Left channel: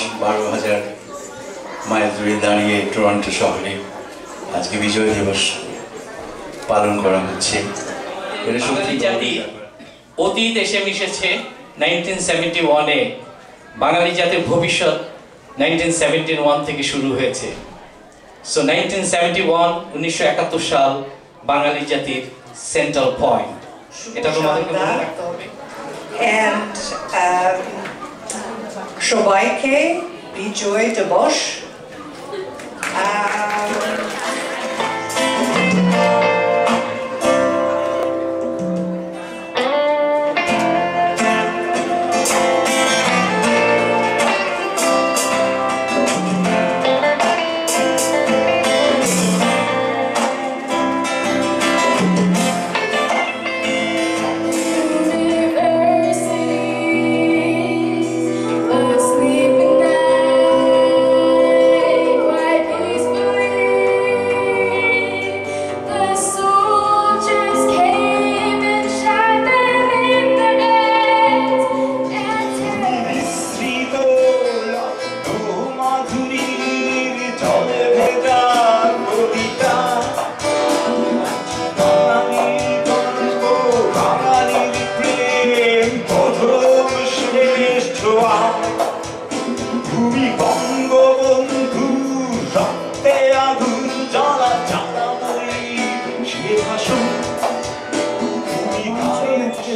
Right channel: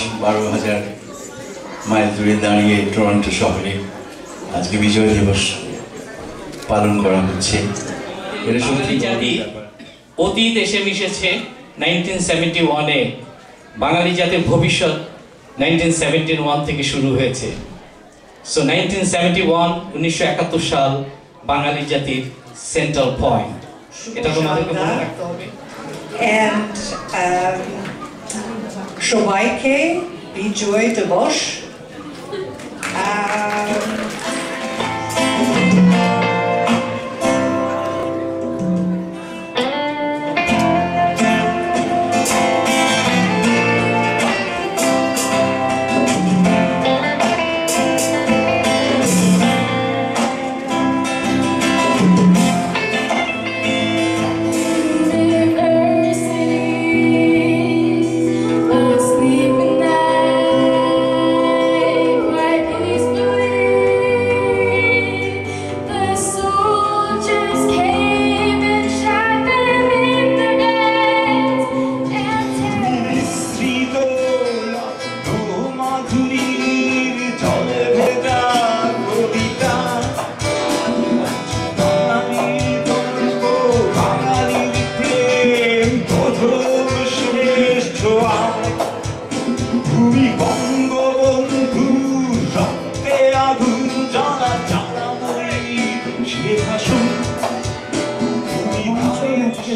10-12,000 mile দূরে দাঁড়িয়ে Toronto শহরে আজকে বিজয় দিবস পালন করা হচ্ছে। বাঙালি জাতি অতীত এসে মিশেছে 1971-এ, বাঙালি জাতির ভবিষ্যৎ 1971 থেকে শুরু হয়েছে। সো 1971 সাল বাঙালি জাতির সেন্ট্রাল পয়েন্ট, এটা তোমাদেরকে মনে রাখতে হবে। And সবাইকে বিজয় দিবস।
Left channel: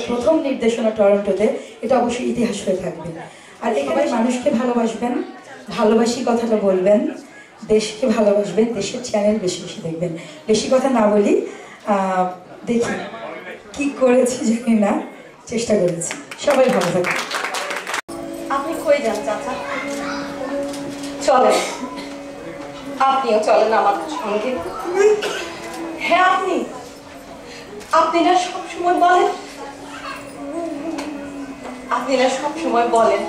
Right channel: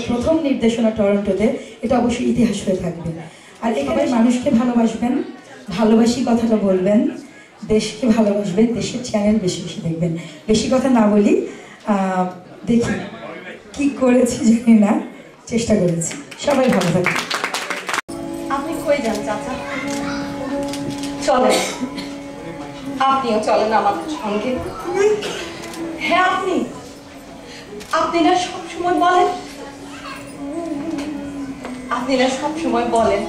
প্রথম নির্দেশনা টরন্টোতে, এটা অবশ্যই ইতিহাস হয়ে থাকবে। আর এখানে মানুষকে ভালোবাসবেন, ভালোবাসি কথাটা বলবেন, দেশকে ভালোবাসবেন, দেশের চ্যানেল বেশি বেশি দেখবেন। বেশি কথা না বলি, দেখি কি করেছি জানি না, চেষ্টা করেছি। সবাই ভালো থাকবে। আপনি কই যান চাচা? চলেন, আপনিও চলেন আমাদের সঙ্গে। হ্যাঁ, আপনি না সবসময় বলেন,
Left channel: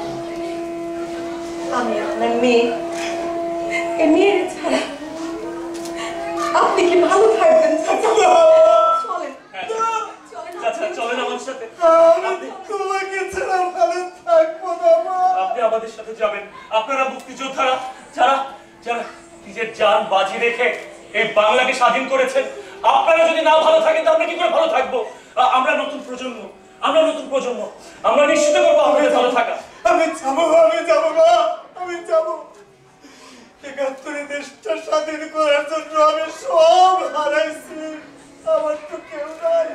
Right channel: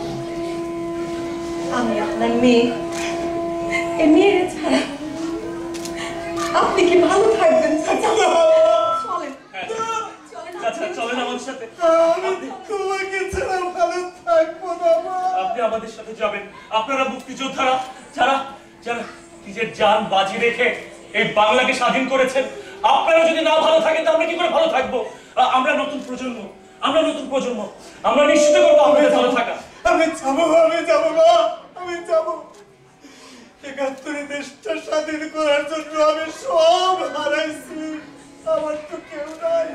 আমি আপনার মেয়ে। এই মেয়ের ছাড়া আপনি কি ভালো থাকবেন চাচা? চলেন চলেন আমার সাথে। তোমাকে ছাড়া ভালো থাকবো না। আপনি আমাদের সাথে যাবেন। আপনারা মুক্তিযোদ্ধারা, যারা যারা নিজের জান বাজি রেখে এই বাংলাকে স্বাধীন করেছেন, আপনারা যদি না ভালো থাকেন তো আমরা কি করে ভালো থাকবো? আমরা নতুন প্রজন্ম, আমরা নিশ্চিত করবো আমাদের ভালো থাকা। আমি যাবো। ৭১ দেশটা স্বাধীন করার জন্য আমি সব হারাইছি। আমার তো কেউ নাই।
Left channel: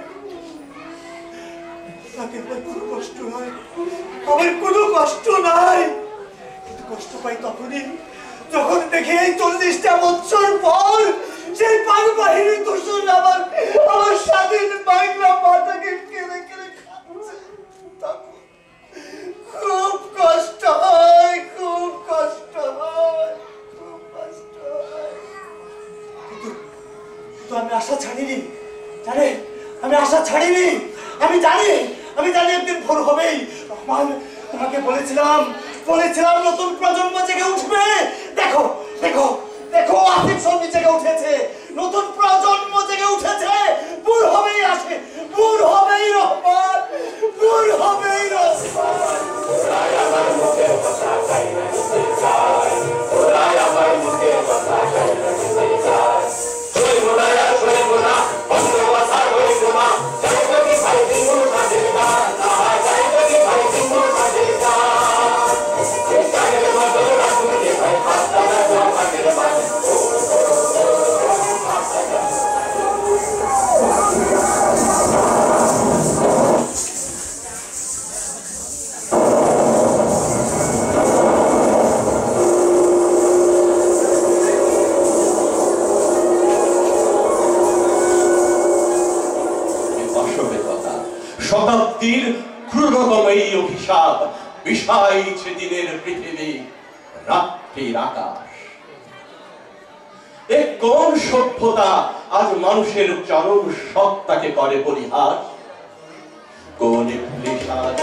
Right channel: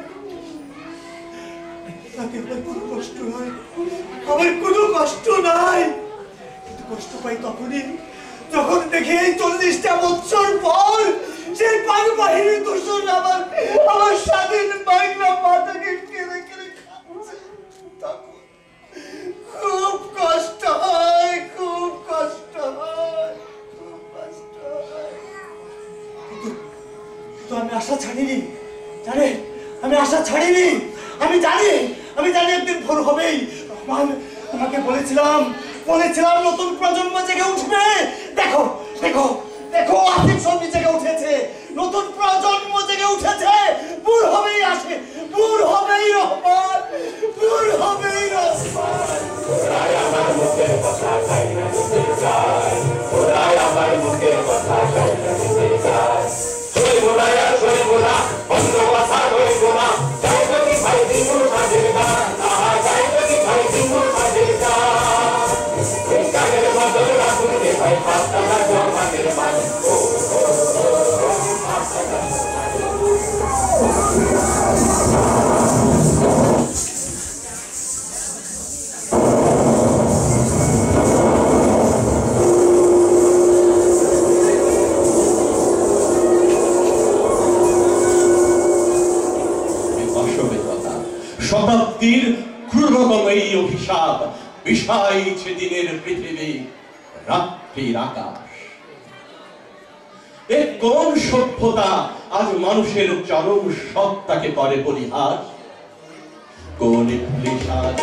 তাতে আমার কোনো কষ্ট হয়, আমার কোনো কষ্ট নাই, কিন্তু কষ্ট পাই তখনই যখন দেখি এই 40টা বছর পর সেই পাক বাহিনী দূষণ আমার স্বাধীন বাংলা মাটাকে কেড়ে কেড়ে খাচ্ছে। খুব কষ্ট হয়, কিন্তু আমি আশা ছাড়িনি। আমি জানি একদিন ভোর হবেই। তোমাকে বলেছিলাম নতুন প্রজন্ম জেগে উঠবে। দেখো আসিফ সঙ্গী জেগে উঠেছে, নতুন প্রজন্ম জেগে উঠেছে। ভোর হবেই আসে, ভোর হবেই রহমান। শতাব্দীর ক্রূরতম এই অভিশাপ বিষাইছে দিনের পৃথিবী, রাত্রির আকাশ। এ কোন সভ্যতা আজ মানুষের চরম সত্তাকে করে পরিহাস? কোন ইবলিশাত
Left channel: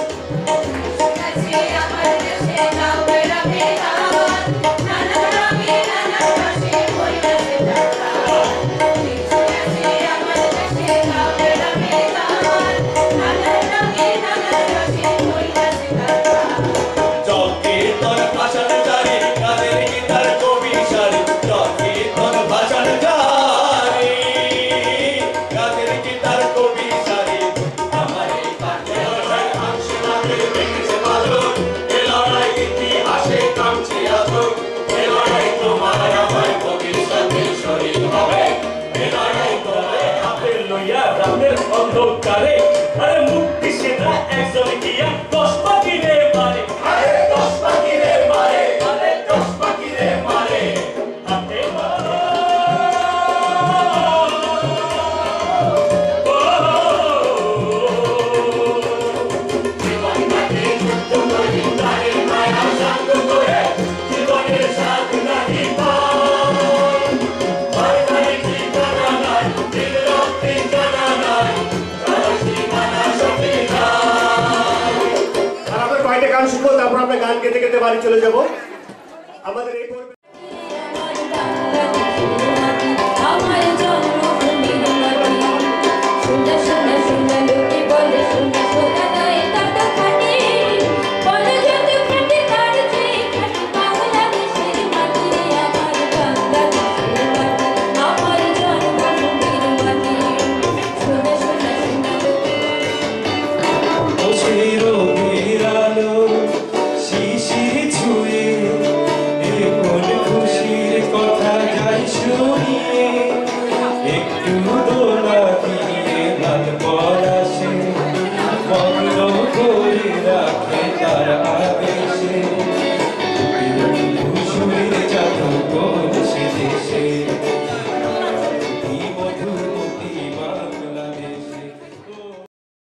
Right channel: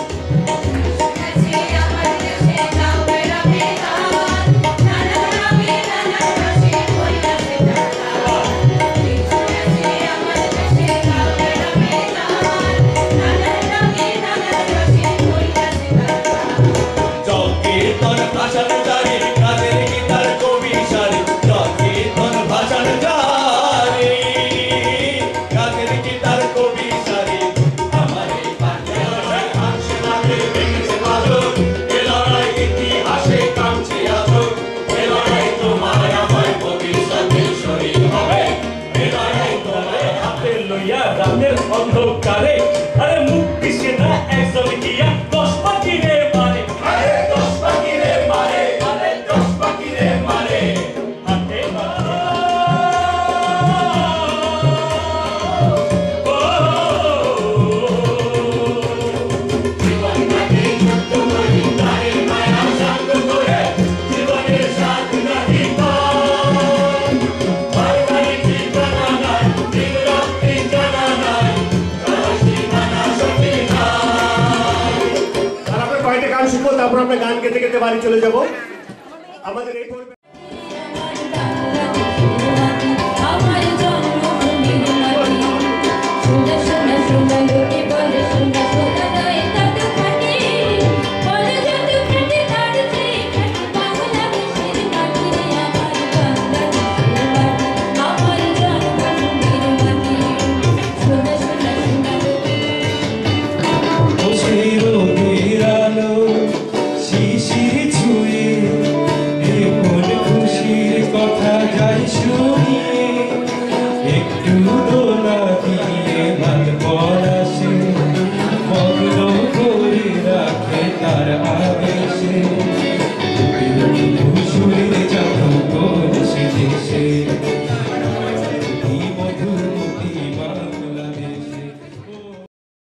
জগের তোর ভাষাতে দাঁড়িয়ে অন্ধকারে আরে মুক্তি সেটা একজন গিয়া 10 পাখিরে মারে, আরে 10 পাখিরে মারে, আরে 10 পাখিরে মারে। হাতে জীবন নাকি যুদ্ধ করি তারে মায়া সাঙ্গ করে জীবনের সাথ নাহি পায়। ভাই ভাই ঠিকানা নাই, দিন রাত্রি জানা নাই, আর আমরা কয়েকটা গান শিখবো, তারপর আমরা গান গেতে গেতে বাড়ি চলে যাব। আমাদের এই